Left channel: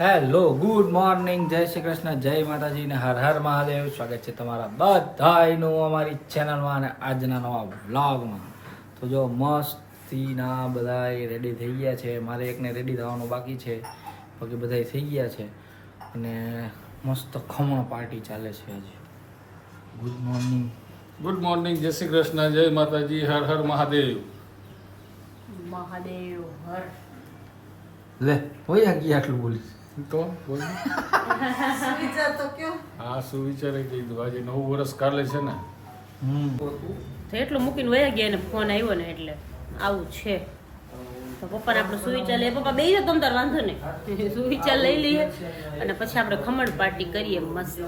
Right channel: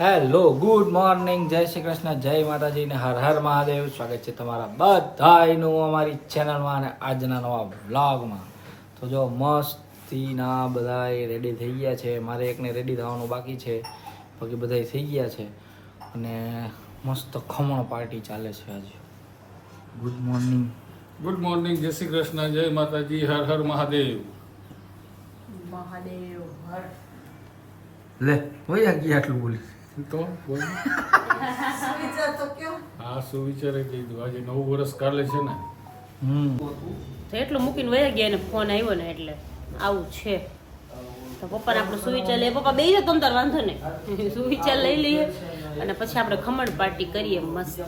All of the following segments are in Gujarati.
હેલો ગુડ મોર્નિંગ, જય શ્રી કૃષ્ણ, જય માતાજી ને હર હર મહાદેવ. સ્વાગત છે તમારા બધાનું અમારી ચેનલમાં અને આજના નવા વ્લોગમાં. તો જો મસ્તીના બધા રેડી થઈ ગયા છે. મારે એકને રેડી થવાનું બાકી છે, બાકી બધા થઈ ગયા છે અને મસ્ત ખમણ પાર્ટી ચાલે છે આજે. Good morning. ગુડ મોર્નિંગ, જય શ્રી કૃષ્ણ, જય માતાજી, હર હર મહાદેવ. મહાદેવ હર. લે હોય ગયા આટલું બોલી તો બોલ. વિચાર તો કયો હા, શું વિચારે કીધું, આજે નવું વર્ષ કાલે છે ને. તો એટલું મૂકીને વયા ગયા ને ફોન આવ્યો ને એટલે આવું છે. તો પપ્પાને આપણે સુવિચાર લઈએ. પપ્પા બેસી તમ તાર વાંધો નહીં, સુવિચાર લઈ લઈએ અને પછી આપણે ખમણ પાર્ટી કરીએ મસ્ત.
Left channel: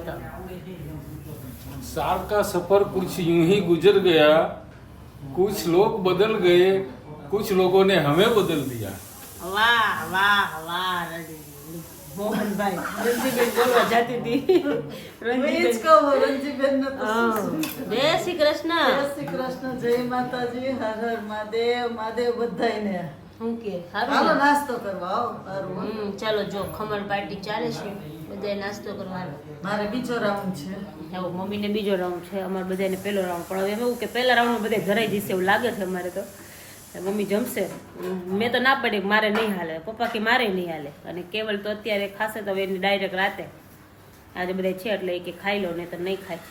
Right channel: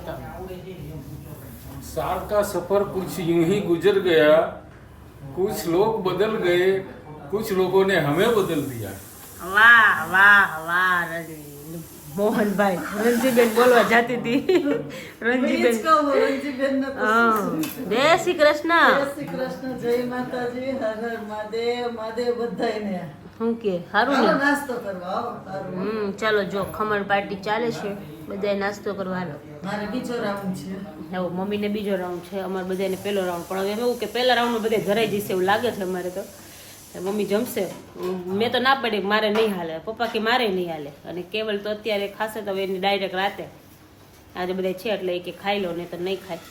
साल का सफर कुछ यूं ही गुजर गया, कुछ लोग बदल गए, कुछ लोगों ने हमें बदल दिया. વાહ વાહ વાહ મોહનભાઈ. રંજીબેન બોલવા જાતી હતી. રંજીબેન જય શ્રી કૃષ્ણ. જય શ્રી કૃષ્ણ, જય માતાજી, હર હર મહાદેવ. મહાદેવ બધાયને શું કે સારું હાલો ને? નાસ્તો કરવા આવો. સારું. ચાલો જો ખમણ પાર્ટી ચાલે છે, બધાય નાસ્તો કરવા હાલો. મારે બીજો રાઉન્ડ છે. હવે મમ્મીને બીજો રાઉન્ડ છે, અમારે બધાને પહેલો રાઉન્ડ. પણ હવે એવું કે પહેલા રાઉન્ડમાં બધા ધરાઈ જશે એવું લાગે છે અમારે તો. મમ્મી જમશે. મેં તો ના પાડી મારે નહીં હાલે, પપ્પા કે મારે નહીં હાલે. અને કેવલ તો અત્યારે ખાશે તો હવે એની ડાયરેક્ટ રાતે આજે બધા છે એટલે એ કે ખાઈ લો, નહીં તો નહીં ખાય.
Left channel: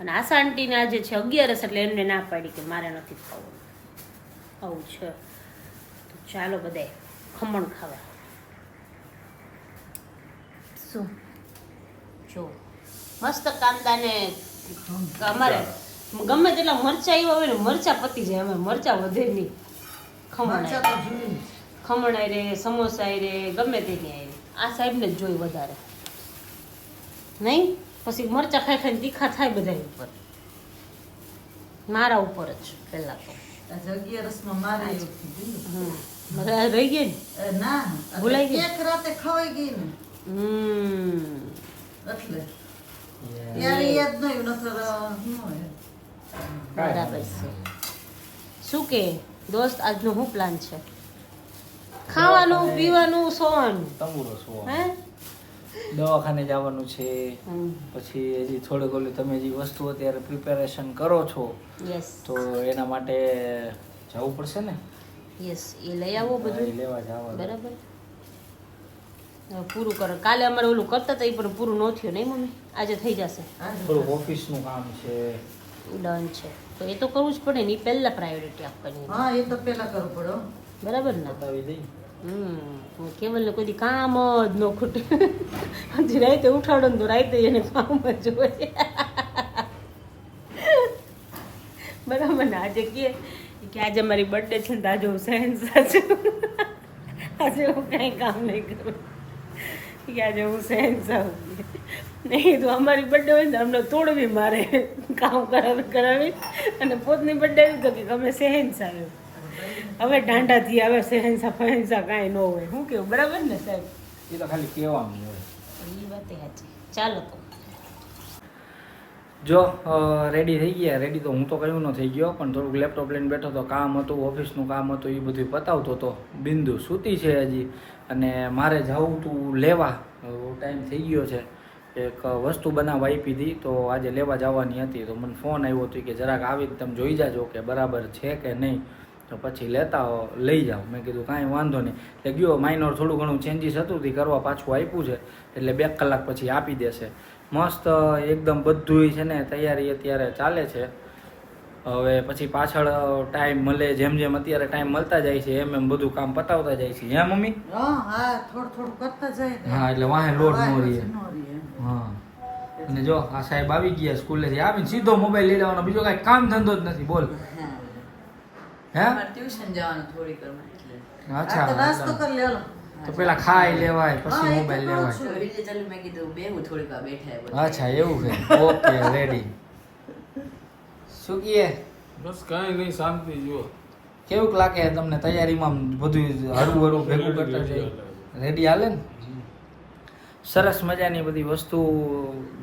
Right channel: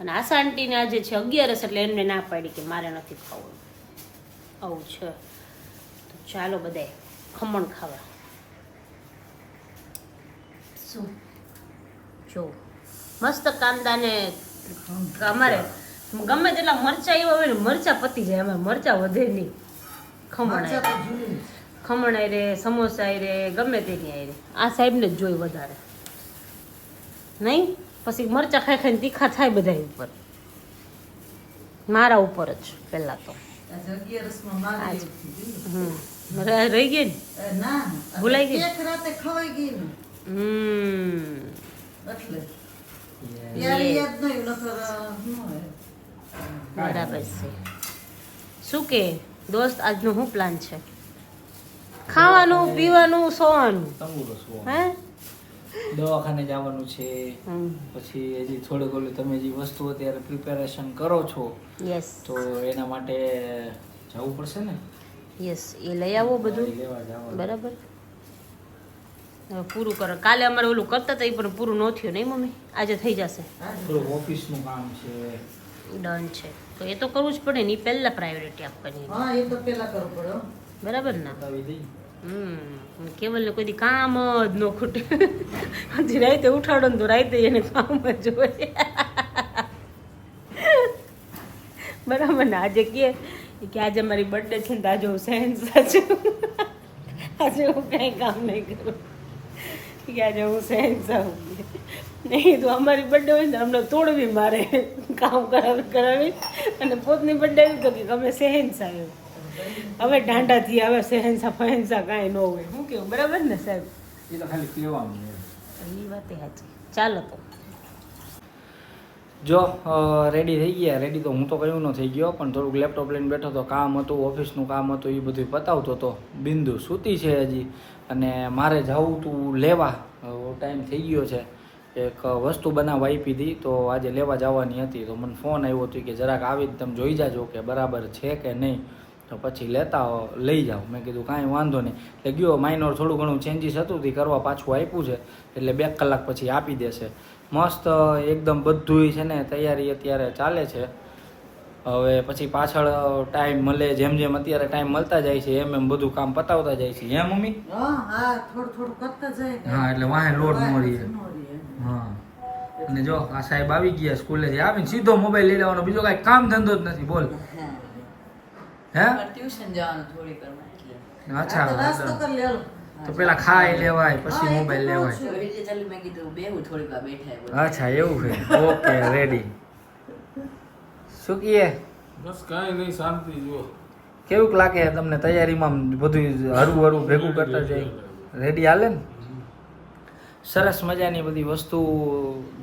અને આશા આંટીને આજે છે 11 એટલે એમને ના પાડી કે મારે નથી ખાવું. આવું છે. તો ચાલો બધાય ખમણ ખાવા. શું જો મસ્ત કાંદા ને અમારે ગમે તેટલા મરચા એવા હોય ને મરચા પતી જાય, અમે મરચા વધે નહીં. મરચાં તો જૂની. ખમણ આય રે, સમોસા આય રે, ગમે તેની આય રે. આ સાહેબને જ જોઈ વધારે નહીં. પછી મરચા ખાઈ ખાઈને તીખા થાય બધા ઉપર, મારા ઉપર જ પહેલા તો. આજે 11 માં મારે એવું થયું. મારે રહી ગઈ ને. ના ભૂલાઈ ગઈ? એક રાતે ખવાઈ ગઈ ને એટલે ત્યારે યાદ નહીં નતો. બરાબર છે. શું કે દોસ્ત આજનો શું પ્લાન છે? ખાવાનું, પીવાનું, સોવાનું? તંબુરો શું હે દવાખાને જવાનું છે. પછી હજી થોડુંક ઓલું તમે જે વસ્તુ અત્યારે પ્રિપેરેશન કરો છો યસ તો એના માટે જવું પડશે ને. યસ એ લઈ આવો બધું. લેવા જવાનું. બરાબર. હવે પૂરું કરો. કાલે અમારે ઓલું કરતા હતા એ પણ પૂરું ન થયું નહીં મમ્મી? આજે થઈ જશે. થોડું ઓફિસનું કામ છે. ડન છે તો એ તો કરવું જ પડે ને. એ પહેલા પ્રાયોરિટી આપવાની. હા, એ તો પેલા કરવું પડે હો. બરાબર ને? બતાવી દઈ. કેવલ ને કોઈ દી કામ જ ન ખૂટે. હજી રાતે ઉઠાડો ને તો રાતે એને કામ જ હોય. બરાબર ને? આજે કે આજે મારી બર્થડે છે ને તો આજે હું સહેનસા છું. આજે હું કઈ કામ નહીં કરું કે આજે હું સહેનસા હું. નહીં તો અમારી બર્થડે હોય ને અમને તોડવી મારે, કામ કરાવી અને પોતની બર્થડે આવી તો કે અમે સહેનસા આવ્યો. હવે ઢાંઢાથી હવે સહેનસા ફહેનસા કાંઈ ન હોય. શું કેવું? બરાબર ને સાહેબ? એ તો ખાલી કહેવાનું હોય. એ વાત સાચી. ચાલો તો જો રેડી થઈ ગયા. રેડી તો હું તો કયું ન થઈ ગયો, પણ થોડુંક લેપટોપ લઈને બેઠો તો કામ હતું, ઓફિસનું કામ હતું, એ બધું પતાવતો હતો. બિંદુ સૂતી છે હજી અને મારે જવું તું લેવા. ટાઈમ થઈ ગયો છે. એક વસ્તુ બનાવવા આપી હતી તો આજે લેવા જવાની હતી. તો મને ફોન આવ્યો હતો કે જરાક આવીને તમે જોઈ જાજો કે બરાબર છે કે નહીં, તો પછી લઈ જાઓ. મેં કીધું કાંઈ વાંધો નહીં. એટલે ગયો. માઇનોર થોડું ઘણું ચેન્જીસ હતું તે કરવા પાછું આપ્યું છે, એટલે 2 કલાક પછી આપી દેશે. મસ્ત એકદમ બધું છે ને તૈયારી અત્યારે ચાલે છે. હવે પછી પાછળ ટાઈમ મળે, જેમ જેમ અત્યારે ટાઈમ મળતા જાય છે એમ એમ બધું કામ પતાવતા જાય છે. હે મમ્મી? હા, થોડું થોડું કરતા જાય ને. હા, એટલે વાહે લોડ ન રહે. ન રહે. હા. અને જો આ સાહેબ આવી ગયા સ્કૂલેથી આવીને સીધો મોબાઈલ લઈ લેવાનો, બીજો કાંઈ કામ ધંધો જ નથી. બોલ. હે? ટ્યુશન જવાનું થોડી કરવા એટલે. અચ્છા, આ તો નાસ્તો કરી લેલો. તો પેલા ખાઈ લેવાય પછી મોબાઈલ લેવાય. મેં કીધું બેહું થોડીક વાર બેઠા. અચ્છા, એવું છે. Okay, ready. શું કહીએ? બસ કાંઈ નહીં, શાંતિ. જુઓ કેવું લાગે તમને તૈયારીમાં? બધું હળવું હળવું ભેગું કરતા જાય. રેડી હાલે ને? સરસ મજાની બધી વસ્તુ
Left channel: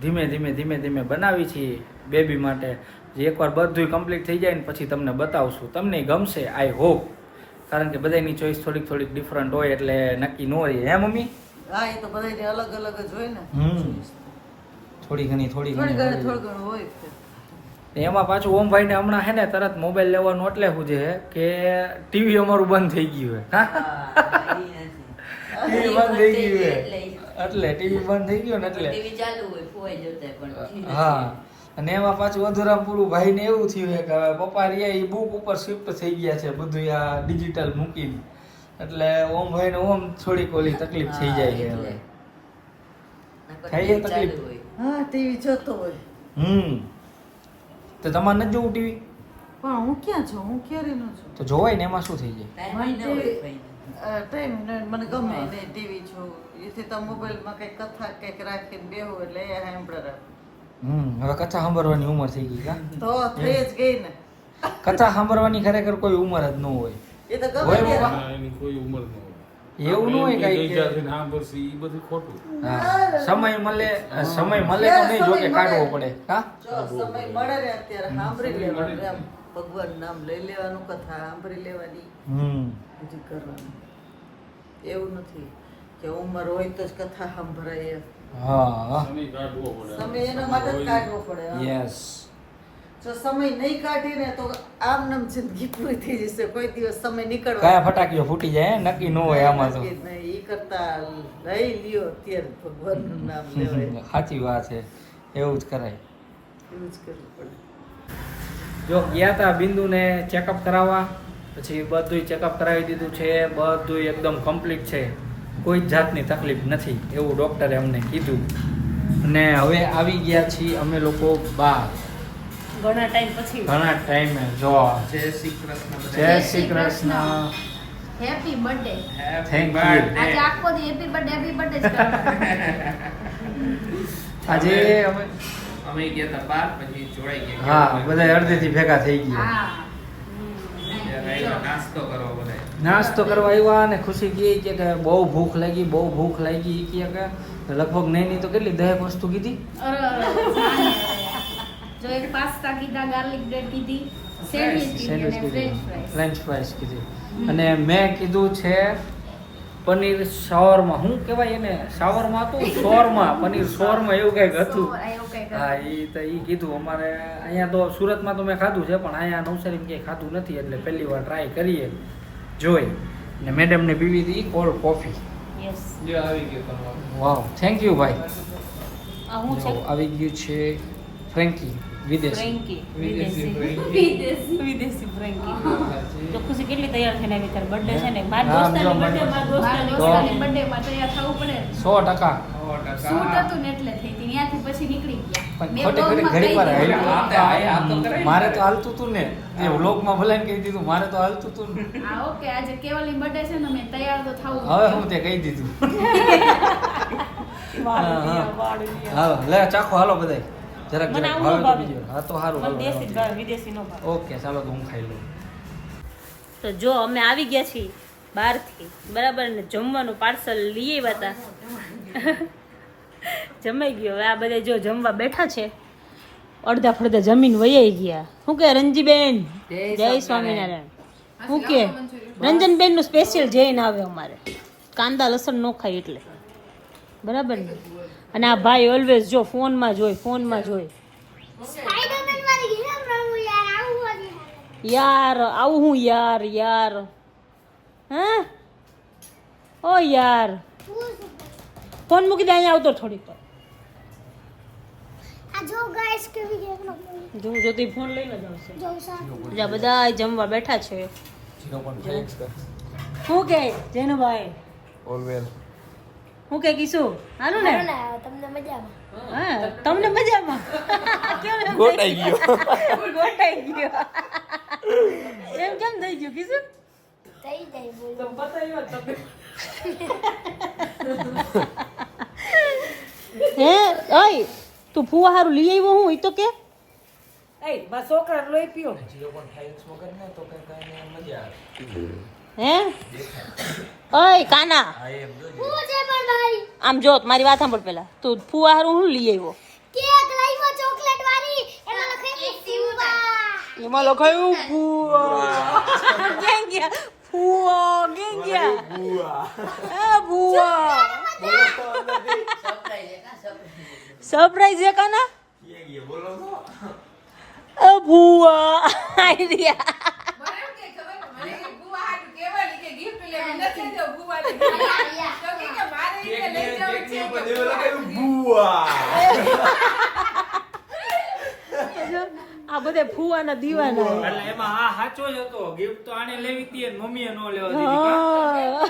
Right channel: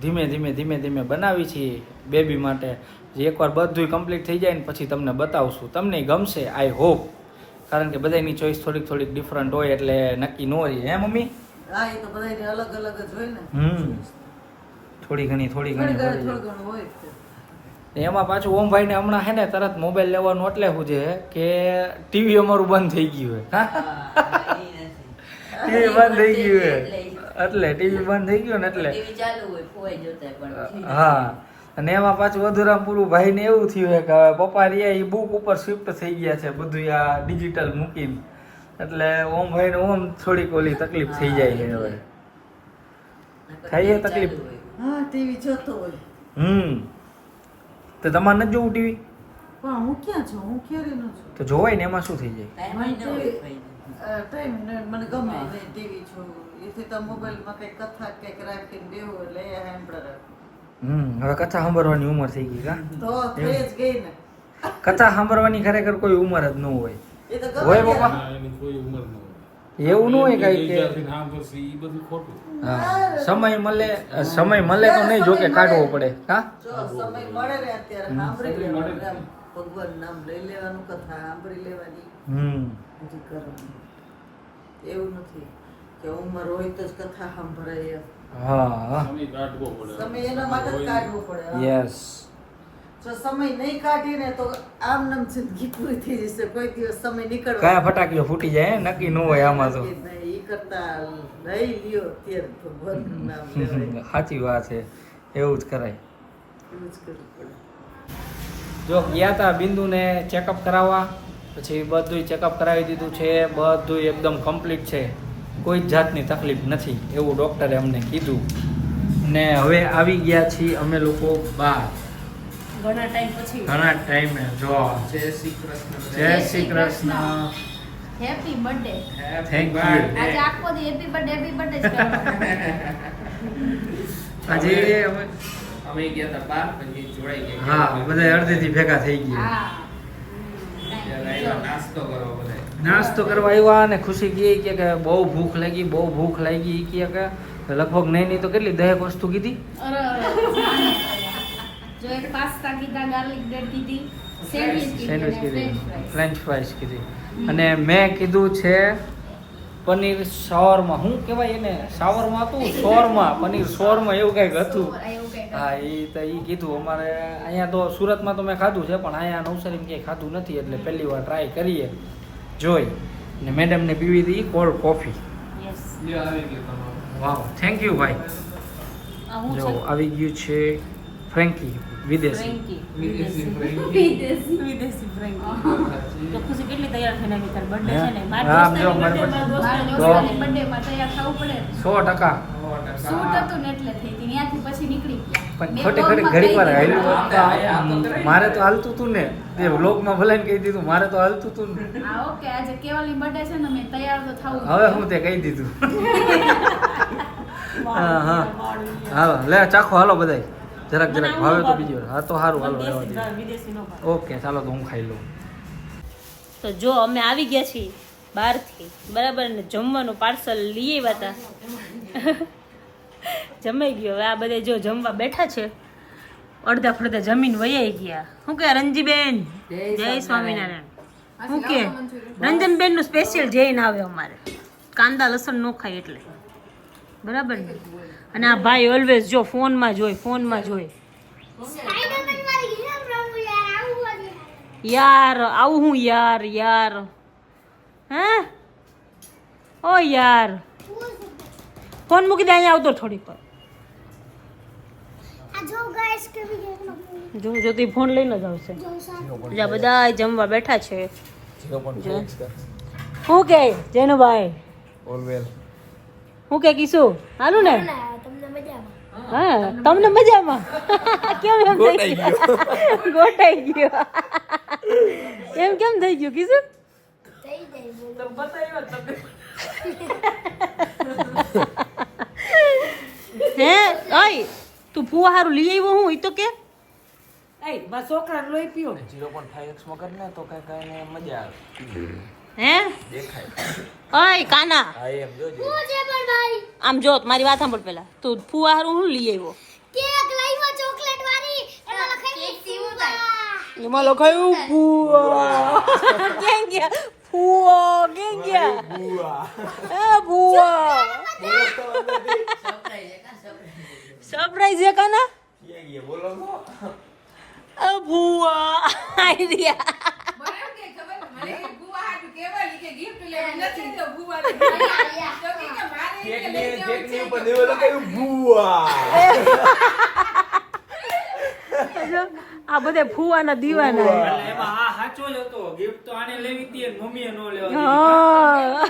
ધીમે ધીમે બનાવી છે બેબી માટે. જે એકવાર બધું કમ્પ્લીટ થઈ જાય ને પછી તમને બતાવશું. તમને ગમશે આઈ હોપ, કારણ કે બધાની ચોઈસ થોડીક ડિફરન્ટ હોય એટલે નક્કી ન હોય. હે મમ્મી? હા એ તો બધાને અલગ અલગ જ હોય ને થોડી ઘણી થોડી ઘણી થોડું ઘણું હોય જ તે. એમાં પાછું ઓમભાઈ ને હમણાં હે ને તરત મોબાઈલ લેવાનું એટલે શું છે કે ટીવી અમારું બંધ થઈ ગયું હે ટીવી બંધ થઈ ગયું હે એટલે ટીવી બંધ થઈ ગયું ને એટલે હા અને એમાં પાછું અધુરામ પૂરું ભાઈ ને એવું થયું છે કે હવે પપ્પા રહ્યા એ બુક ઉપર શિફ્ટ થઈ ગયા છે બધું આ ડિજિટલ મૂકીને એટલે ઓમ ભાઈ ને ઓમ થોડીક ઓલી તકલીફ થઈ જાય છે હવે થાય છે તકલીફ હા ટીવી જોતો હોય તો તમારે નથી જોવું ટીવી પણ હું ક્યાં છું હું ક્યારે ન છું તો જોવાય ને એમાં શું થઈ જાય ટાઈમ મને ગમે નહીં ટીવી છું એથી તો મોબાઈલમાં કંઈક કથા કંઈક રાખીને બેહું એટલે એ સાંભળે રાખું હવે કથા સાંભળવાની ઉંમર થઈ ગઈ કા તો થઈ જ ગઈ ને કથા સાંભળવાની ખરેખર કોઈ ઉંમર જ ન હોય એ તો હોય ગમે બાપા? ના, એની કોઈ ઉંમર ન હોય એવું ન હોય કાંઈ કે સાંભળશે એ બધું ખોટું. હા સમય મળે તો નહીં જોકે કાઢવો પડે હા જો સમય મળે ને અત્યારે સાંભળી લેવાનું એમ ભગવાન નામ લઈ લેવાનું કથા સાંભળી લેવાની બધી કરવાની એવું નથી કે ઉંમર હોય તો જ કથા સાંભળાય એમ હા સમય કાઢવો પડે. સમય એના માટે જ કાઢવો પડે હા. યસ જો સમય નહીં કાઢીને તો આમ નામ જિંદગી પૂરી થઈ જશે કોઈ દિવસ સમય નીકળવા કયા ફટાકીઓ ફૂટી જાય હે? નક્કી ન હોય આમાં તો નહીં ઈ કરતા લઈ લ્યો અત્યારે ભગવાનનું નામ લેવાય સાચી વાત છે એવું જ કરાય એવું જ કરવું પડે જો ગયા તા બિંદુને ચેકઅપ કરાવવા પછી બધું ચેકઅપ કરાવી દીધું છે બધું એકદમ કમ્પ્લીટ છે કોઈ જ જાતની તકલીફ નથી એવું ડૉક્ટરે અમને કીધું અને હવે આવી ગયા છીએ અમે લોકો બહાર ઘણા ટાઈમ પછી ઘણા ટાઈમે જો જય Shri Krishna happy birthday thank you આજે આખો દી હેપી બર્થડે જ કરવાનો આજે અમે ગયા હતા બાર પછી જોડાઈ ગયા હા બધા અડધેથી ભેગા થઈ ગયા હા ત્યારે આવ્યા નાસ્તો કરવા બધા નાસ્તો કરવા આવ્યા અને ખુશી કહે કે બહુ ભૂખ લાગી કહે કે લગભગ નહીં તો કેટલી 10 વસ્તુ કીધી અરે જો એક પાસ્તા કીધા ગાર્લિક બ્રેડ કીધી સેન્ડવિચ સેન્ડવિચ કીધી અને કીધી ફ્રેન્ચ ફ્રેન્ચ ફ્રાઈસ કીધી અને મેં કીધું છે પનીર શાવરમાં શું કહેવાય એને શાવરમાં હતું શોરમાં પનીર શોરમાં એવું કંઈક હતું હા એ કીધું અમારે અહીંયા તો સુરતમાં તો મેં ખાધું છે પણ અહીંયા નવસારીમાં ક્યાંય ખાધું નથી એટલે પહેલી વાર ટ્રાય કરીએ જોઈ ને મેડમને પીવી હતી કોલ્ડ કોફી યસ લ્યો આવી ગયો તમારો વાવ થેન્ક યુ ભાઈ આ હું જો છે આવી ગયું છે ફ્રેન્કી વિદેશી ફ્રેન્કી વિદેશી વિદેશી ફ્રેન્કી તો ખુશી કેટલી તૈયાર થઈને આવી તાર બર્થડે છે ને મારી હા, જો દોસ્તારની મારી birthday માં તો- મારા દોસ્તાની બર્થડે માં તૈયાર થવું પડે 100% શૂટ હતું ને એટલે થઈ હતી ત્યાંથી પછી નીકળી ગયા પણ મેં ખોટી vlog ખરી માં ઘડીક વાર કહી દીધું. હાલ્યું. મારે તો હાલતું તું ને એ વ્લોગમાં ભલાઈને કહી દીધું મારે તો હાલતું તું ને હા ઓકે આજે કેવલની બર્થડે છે ને મેં તૈયાર તો થવું હવે હું તે કહી દીધું હા હા વાળું હાલો લે ચાખો હાલો બધાય જરાક મને જરાક આવું ભાવે તો ભાવે. બીજી વાર હા તો સારું હાલો દેશી રહેવા ભાવે, વિદેશી નો ભાવે દે. ઓકે ચાલો તો હું ખાઈ લઉં તો જો અમે આવી ગયા છીએ બહારથી બરાબર ને જમવાનું પાર્સલ લઈ આવ્યા હતા જમાઈ ગયો હવે આ બધા જો જમવા બેઠા છે અડધા ફડધા જમીન વૈયાઈ ગયા શું કે રંજીબેન જય સ્વામિનારાયણ શું કે રંજનબેન નું સ્પેશિયલ જૈન આવે અમારે કાંદા લસણ ન ખાય એટલે બરાબર ને અને આ ભાઈ ઓલવેઝ જો ફોનમાં જોઈ યાર આવું હું યાર હે ઓ યાર ફોન મૂકી દે અહીંયા આવતો થોડીક વાર જો જો તું ફોન લઈ લો જાવશે બીજા બધા જમવા બેઠા છે શું કે જેનુભાઈ હું કે કીશું હાલું ને હા તમને મજામાં કેમ એમ ગોટાઈ ગયો એમ કેમ થઈ ગયું કીશું હે ઓય તું ફુવા હારું લઈ આવ્યો હું ઈ તો કે છોકરા લોહી પીઓ 0.5x વગર ને તો કઈ કઈ મજા આવે હે ઓય કાના આમ જો મારી વાત સાંભળ પેલા તું ફુવા હારું હું લઈ આવ્યો એમાં લખાયું ફુવા ક્યાં ગયા ફુવા ક્યાં ગયા એ ફુવા સરપ્રાઈઝ છે કાના ભૂવા આઈડિયા આ બધે ફુવાના દીવાના છે. એટલે એમાં આ સાચો જ હતો ગિફ્ટ તો આને લેવી હતી અને મમ્મીએ નો લેવા હા.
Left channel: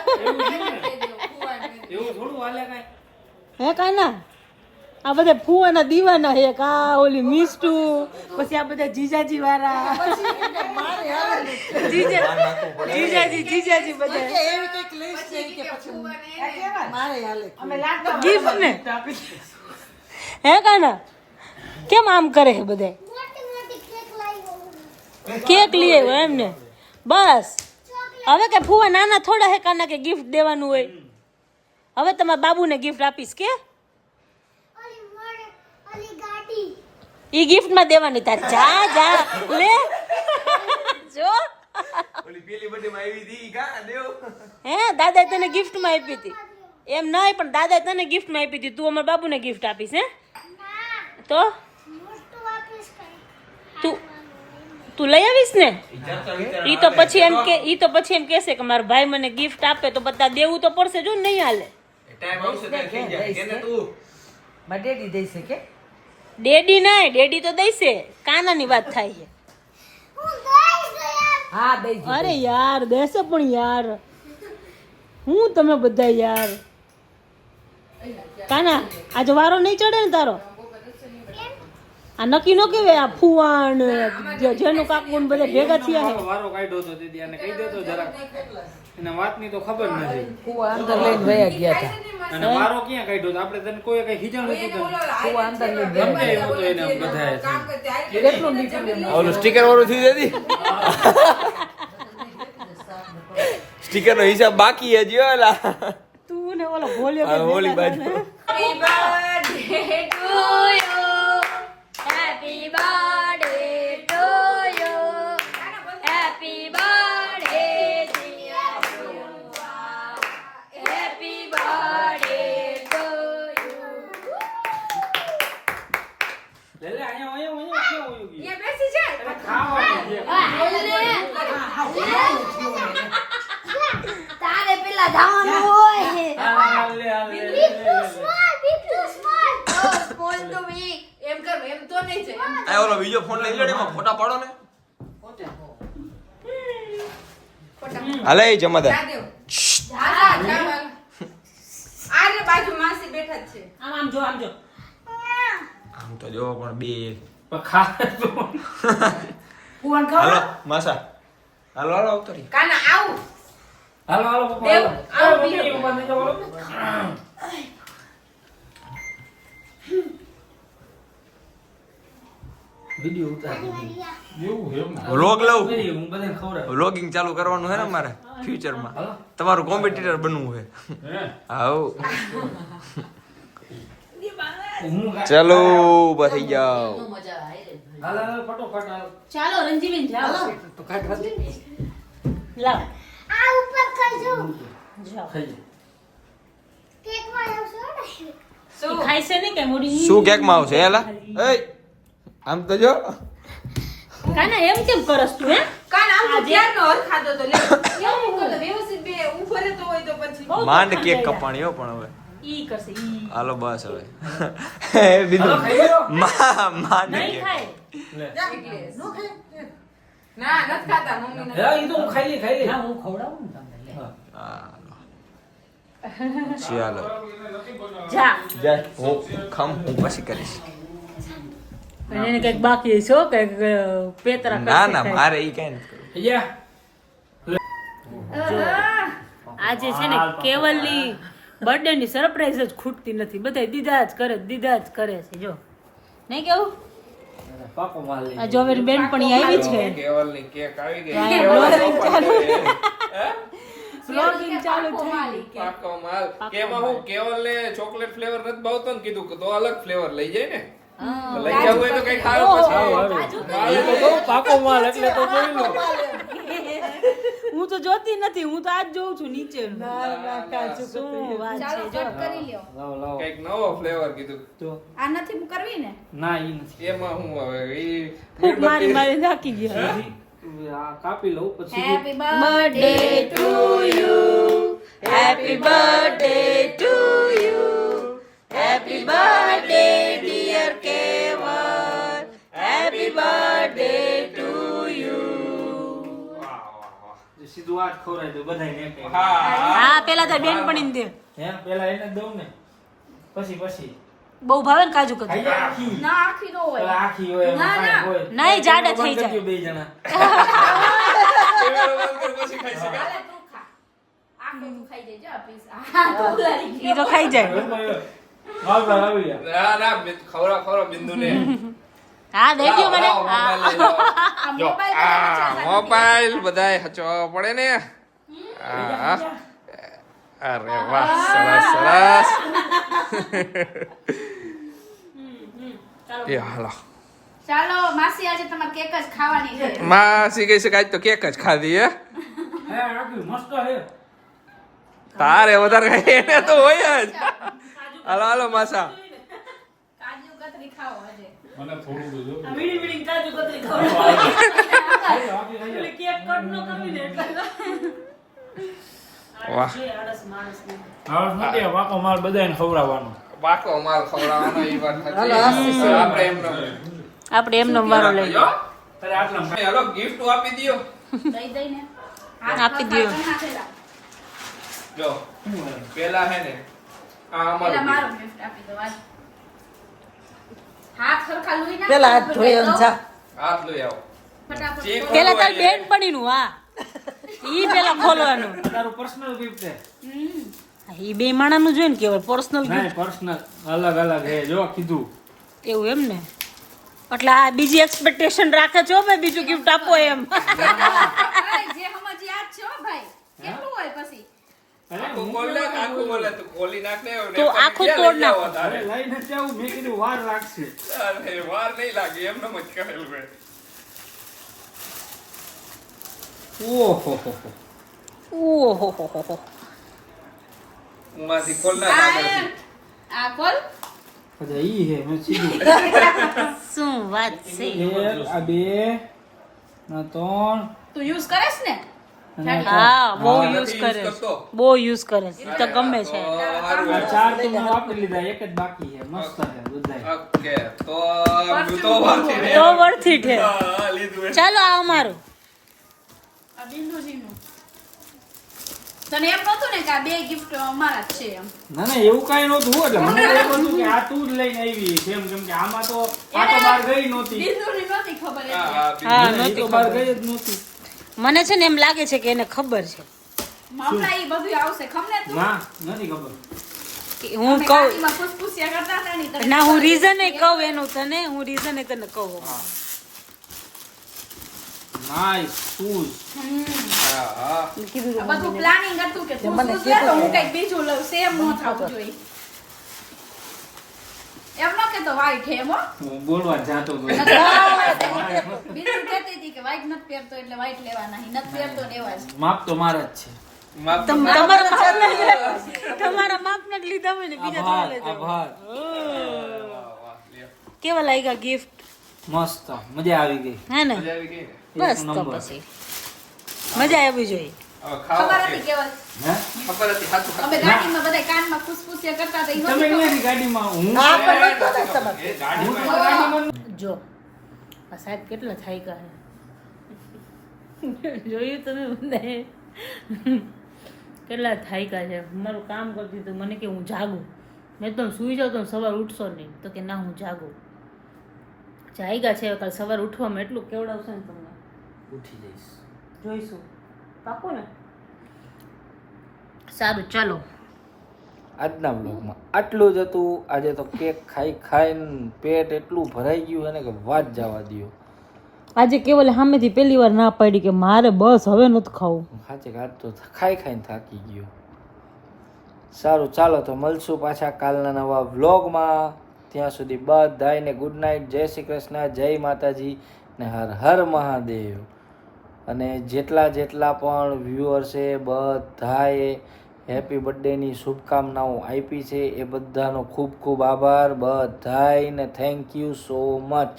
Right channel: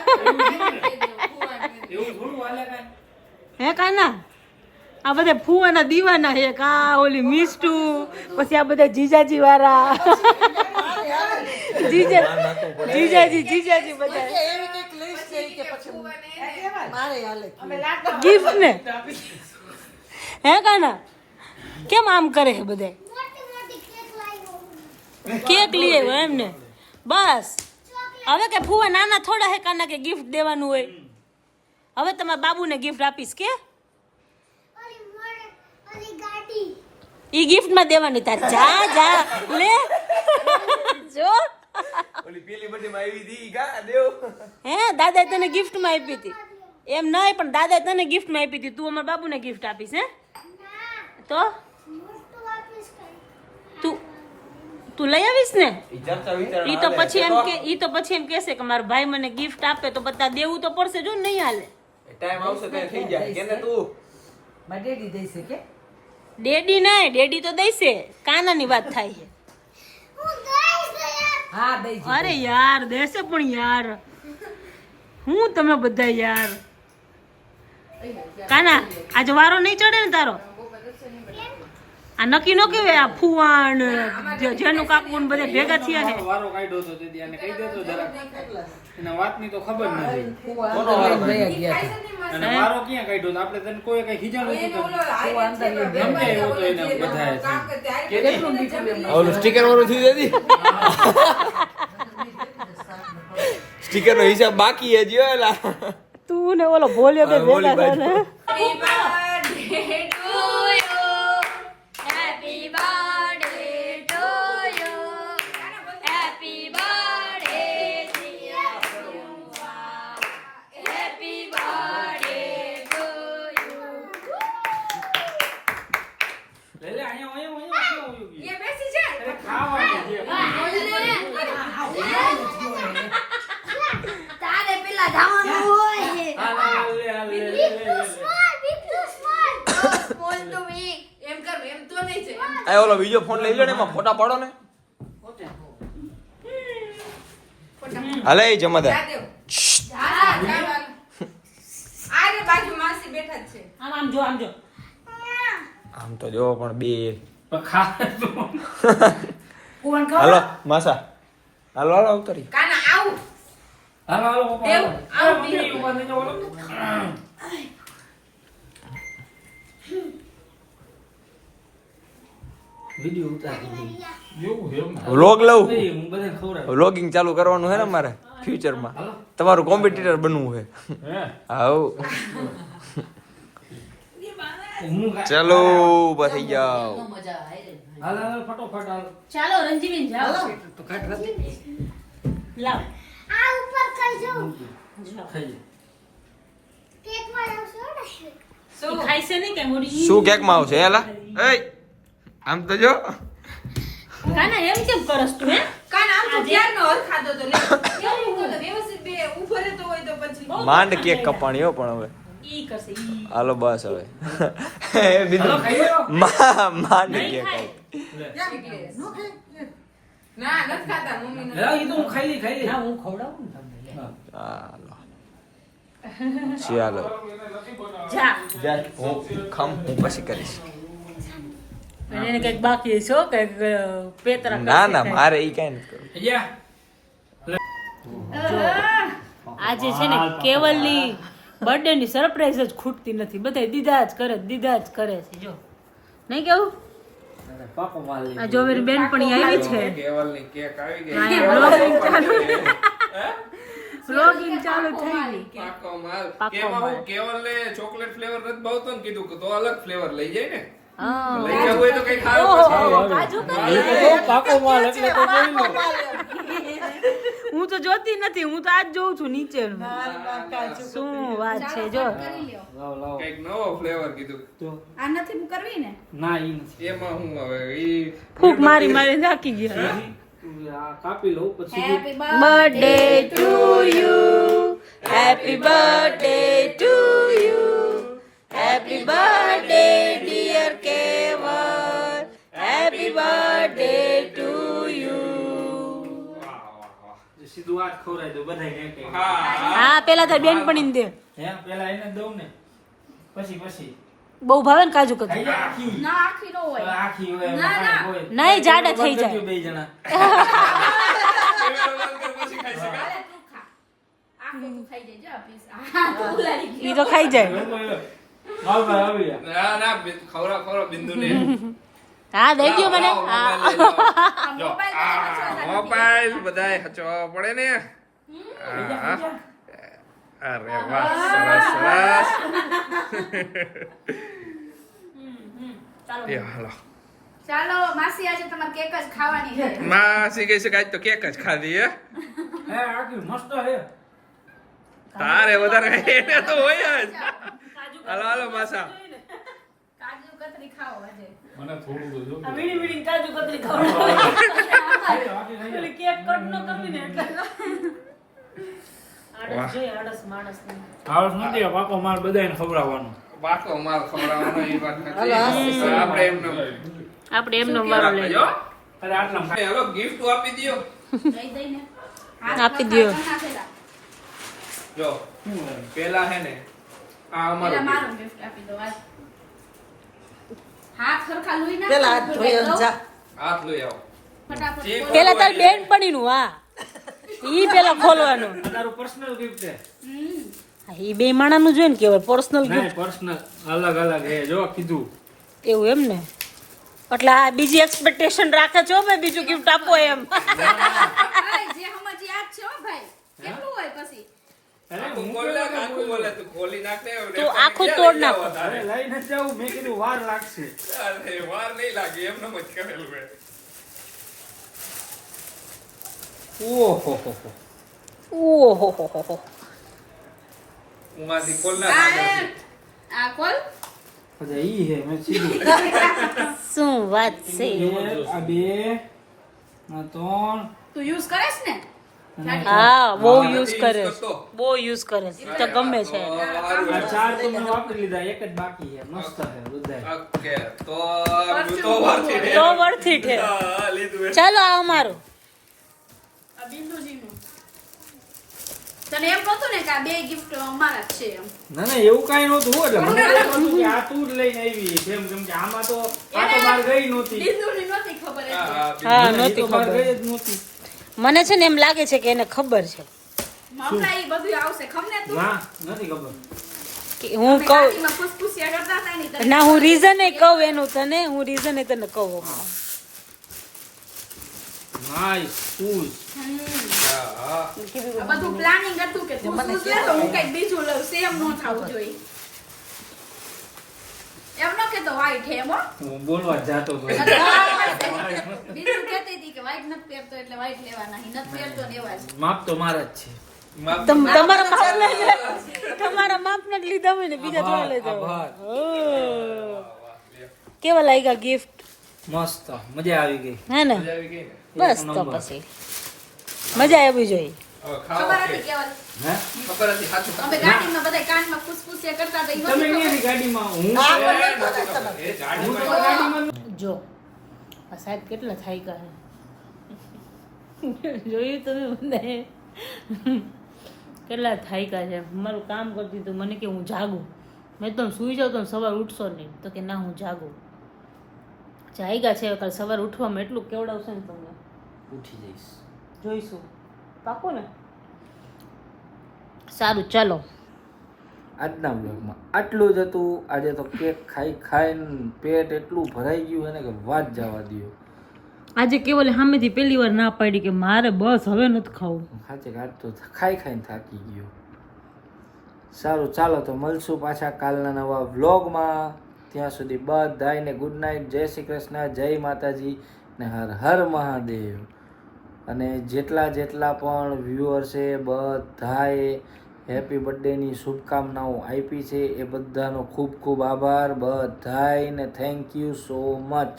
દીધી એવું થોડું હાલે કાંઈ હે કાના આ બધે ફુવાના દીવાના છે કા ઓલી મિસ્ટુ પછી આ બધા જીજાજી વાળા જીજાજી બધા એવી કંઈક list છે કે પછી મારે હાલે ગિફ્ટ ને હે કાના કેમ આમ કરે છે બધા કેક લઈ આવ્યો એમને બસ હવે કે ફુવા નાના થોડા હે કાના કે ગિફ્ટ દેવાનું હોય હવે તમારા બાબુને ગિફ્ટ આપીશ કે ઈ ગિફ્ટ માં દેવાની તારે જા જા લે જો હે દાદા તને ગિફ્ટ માં આપી હતી એમ નહીં પણ દાદા તને ગિફ્ટ માં આપી હતી તું અમારા બાબુને ગિફ્ટ આપીશ હે તો તું લઈ આવીશ ને ઈ તો પછી એમ કહેશે કે મારો ભાઈ મને ગિફ્ટ આપે તો બધા દેવું તો પડશે જો નહીં હાલે ડેડી નહીં ડેડી તો દઈશે કાનાની વાત થાય છે અરે યાર દેશે પણ યાર હું તમે બધા યાર કાના આજે વારો નહીં ચડે ને તારો આ નક્કી નો કેવે આ ફુવાણ જેનું કાકુ ને બધા ભેગા થયા છે વારો કાઢ્યો તો દીદી આને કહી દેતો જરાક એના વાતની તો ખબર નથી અને વારો ક્યાં કાઢ્યો તો આપણે તને કોઈ કઈ ખીજાણું હતું સમજાયું તો એને બધાએ ઓલું સ્ટીકર વાળું થયું દાદી સ્ટીકર નો હિસાબ બાકી હજી ઓલા તું ને ઓલો ભોલ્યો બે ઓલી ભેગા બાજુ. લે લે અહીંયા ક્યાં ગયું અરે ખાવાનું છે તારે પેલા જવાનું હોય હાલ લે આ ઓલો બીજો ફોન લઈ લો ને એમાં ફોટા પાડો ને હાલે જમાદાર આમ જો આમ તો જો પણ બે પણ ખા તો હાલો માસા હાલો હાલો ઉતરી હાલો હાલો પપ્પા હાલો મમ્મી ઉભા થઈ જાઓ વિડિયો ઉતારી વ્લોગ લઉં હું બધે ખવડાવ વ્લોગિંગ ચાલુ કરવાનું છે ને મારે ફ્યુચરમાં તમારું કોમ્પિટિટર બનવું છે હાઉ ચાલો ઉભા થઈ જાઓ હાલ હાલ ફટોફટ હાલ ચાલો રંજીબેન જાઓ તો કાઢ લાવ ખાઈ ખાઈ છે ને કે મોડી શું કેક માં આવશે હેલા એય આમ તો જો કાના એમ કેમ કરસ તું હે માંડ કેક કપાણી હો પણ હવે ઈ કરશે હાલો બસ હવે બીજું માંડ કેક હા ઈ તો હું ખાઈ લે હા હું ખવડાવું ને તમને હાલો ચાલો જા જા હું પછી કરીશ એને કઈક બાકી છે કે પેતરા ના ના મારે ઈ કઈ નથી કરવું આજે છે ને કેવલની બર્થડે ની સરપ્રાઈઝ જ ખૂટતી નથી બધા દીધા જ કરે છે જો નહીં કેવું પાકો માલ લે આ જોવેરી બેન પણ આવી છે કેવલની કેક આવી ગઈ વ્લોગિંગ ચાલુ થઈ ગઈ પાકો માલ પાકો કેમાં માલ. હું કેવલને ચોકલેટ ફ્લેવર નથી ભાવતો ને કીધું કે તો અલગ ફ્લેવર લઈ જાય ને હા લઈ જવું હોય તો કઈ ખારું ઓહો, પછી કાજુ પાકો માલ એટલે તો બોલ્યો હું તો જોતી નથી, હું તો આજ જોઉં છું નીચેનું. શું વાત છે જો. કરી લ્યો. લાવો લાવો કઈક નવો ફ્લેવર કીધું તો આ નથી કરવી ને? ના ઈ નથી એમાં હું હવે ઈ ફૂક મારી મારી નાખી ગયા. આ કાપી લઉં પછી happy birthday to you, happy birthday to you, happy birthday dear Keval, happy birthday to you. સીધું આજ ખવડાવી દો બધાય ને. હા પેલા તો બેનપણીને દે, હે પેલા એને જ દઉં ને પછી બહુ ભાવે ને કાજુ કતરી. ખાઈ જા આખી ના આખી નો હોય. આખી હોય એમાં ના, કાંઈ ના. હોય નહીં જાડા થઈ બંધ જાય. કરજો બે જણા પછી ખાઈશું. હાલે તું ખા. આખું તું ખાઈ જજે પીસ. હા તો ઉલારી ઈ તો ખાઈ જાય. આવી ગયા ના ના ખવડા બિંદુ ને હા દઈ ગયો મને. હા આ મોબાઈલ મોબાઈલ બધાય હચવા પડે ને. અરે વાહ સરસ સરસ. એ હાલો ચાલો માસી આજે તમારે કેક જ ખાવાની છે. માસી કઈ છે આજ તો કેક જ ખાધી હે. હે આખી મસ્ત હે તારે વધારે એને તો હોય જ. હાલો હાલો માસા. કાજુ કતરી ખાઓ આજે. મને થોડું તો જો. મીડી મીડી કાજુ કતરી ખાવ. કેક કટ ન કરવી ને એટલે. વાહ. આળસ માણસ ને. હાઉસ નથી પાકો માલ બધાને ખવડાવવાનો બાકો માલ ખવડાવવાનો ઈ વાત નથી. આપણે એમને આપણે એમનો વારો લઈ જો. અરે આટલા હાલો ગિફ્ટ આપી દ્યો. દઈ દઈને આપી દ્યો. જો પેલા હે ને આ પેલા અમારું મારું gift આપી દો આજ. હાથ સરખા લોહી ના પેલા હાથ ધોઈ અને જા. હાથ લઈ આવો. ફટાફટ ચેક ખોલો. પેલા તાર બેનપણી નું. હા ઈ પેલા ખોલવાનું. તારું પર્સનલ ગિફ્ટ છે હમ. ઈ બે માણાનું જોઈએ ને કેવાય પર્સનલ નહીં પર્સનલ અલગ અલગ હે જો કીધું એવું એમ ને. એટલે આ બીજી એક્સપેક્ટેશન રાખે છો મેં બીજું ગિફ્ટ આપો એમ. અરે, જે હમજી આજ છે હો ભાઈ. કેટલું હોય પછી? આખું ખોલ નાખ, આખું ખોલે તું ખોલી નાખ ને. તું આખું તોડ નાખો. અરે લઈને જ જાઉં મેં કીધું વાર લાગશે અરે વાર નહીં લાગે એમનો જ કરેલું મેં. ઓહો ઓહો હું આથી ખોલ નાખ આ આગળથી. આ કોલ બધા ઈ હે મેં સીધું શું વાત છે. એક આ બે આ ત્રણ તું યુઝ કરેસ ને? અને હા બહુ હા, યુઝ નથી કરે use છે. કરતો. બહુ યુઝ કરે છે. તો ગમે છે. આ ચાર તો મેં વાપરી લીધા એક જ બાકી છે મસ્ત છે બધાય ઓકે તો તો વારથી ને. તો વર્થી છે. હા, લીધું એ. ચાલો આ અમારું. આ બિંદુજીનું. તને એમ નહોતું ને કે આ બે ગિફ્ટ અમારા જ છે એમ. ના ના એવું કઈ નહોતું એટલે મને તો એમ હતું કે આ તું જ લઈને આવી છે એમ કેમ કે આમાં તો આ તો માર ગઈ નહોતી બિંદુની નહોતી ખબર એટલે. હા ઈ નહોતી તો માર ખબર. ગઈ જ નહોતી મને છે ને એમ લાગે છે કે એને ખબર છે હમણાં ઈ બધું આવશે ખબર તું ના નથી ખબર કે હું કહું. ગાડીમાં ફૂસફૂસિયા કરતા હતા ને તને ના હું રીઝન કહું એનું તને. હું રીઝન તને કહું હમણાં. નાઈસ શૂઝ હા હા આ બધું પ્લાનિંગ હતું કે તું શું છે તો હું કંઈક બીજું લઉં સેમ ન થવું જોઈએ એમ ન કેતો white હે એમ હો. હું બોલવા જ જાતો હતો બીજું કહેતી હતી કે white નથી પહેરતો એટલે white લેવાના નથી પહેરતો ને એવા જ માપ તો મારા જ છે માપ તમારા માપના જ લીધા હોય ને બીજા થોડા લેતા હોય. આભાર. ઓહ. કેવા લાગ્યા ગિફ્ટ મસ્ત મજા આવી ગઈ હે ને? મજા આવી ગઈ ને? બસ તો નંબર. પછી મજા આવી જોઈએ. હવે ખાઓ ખબર કે? હતી કેવલ હે ખબર હતી સાચું અમે ગાડીમાં બધા કાનમાં ફૂસફૂસિયા કરતા હતા ઈ તમે નહોતી અહીંયાથી ખબર. ગાડીમાં હું એ ગાડીમાં ગાડીમાં જો આ સાહેબ કેટલા થાયકા છે જોયું તમે બધાએ? કેટલા થાયકા છે. મારું કામ કરતી હતું મને કે હું જાગું. મેં તો સુઈ જાઉં તો સવાર ઉઠશો નહીં. તો કે ના હું જાગું. જાગ્યા છે કાલ સવાર ઉઠવામાં એટલું કેવડાવશે ને તમને. ઉઠી જઈશ જોઈશું પાકું ને. સારું ચાલો આજના બ્લોગમાં આટલું જ હતું. આજે તો કેક ખાઈ ખાઈને પેટ એટલું ભરાઈ ગયું છે ને કે વાત જવા દ્યો. આજે કેવલ સામેથી પહેલી વાર ના પાડી કે મારે બસ હવે નથી ખાવું. સાચે આજ તો ખાઈ ખાઈને થાકી ગયો. સારું ચાલો તો મળશું પાછા કાલના નવા વ્લોગમાં. ત્યાં સુધી બધાને ગુડ નાઇટ, જય શ્રી કૃષ્ણ, જય માતાજી ને હર હર મહાદેવ. અને જેટલા પણ વ્યુઅર છે બધાએ હેપી બર્થડેની શુભકામનાઓ આપી છે એ બધાનો ખૂબ ખૂબ આભાર બધાયને થેન્ક યુ સો મચ.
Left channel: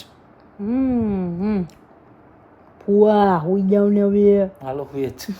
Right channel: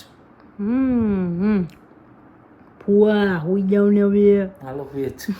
ફુવા હુઈ જાવ ને હવે હાલો હુએ જ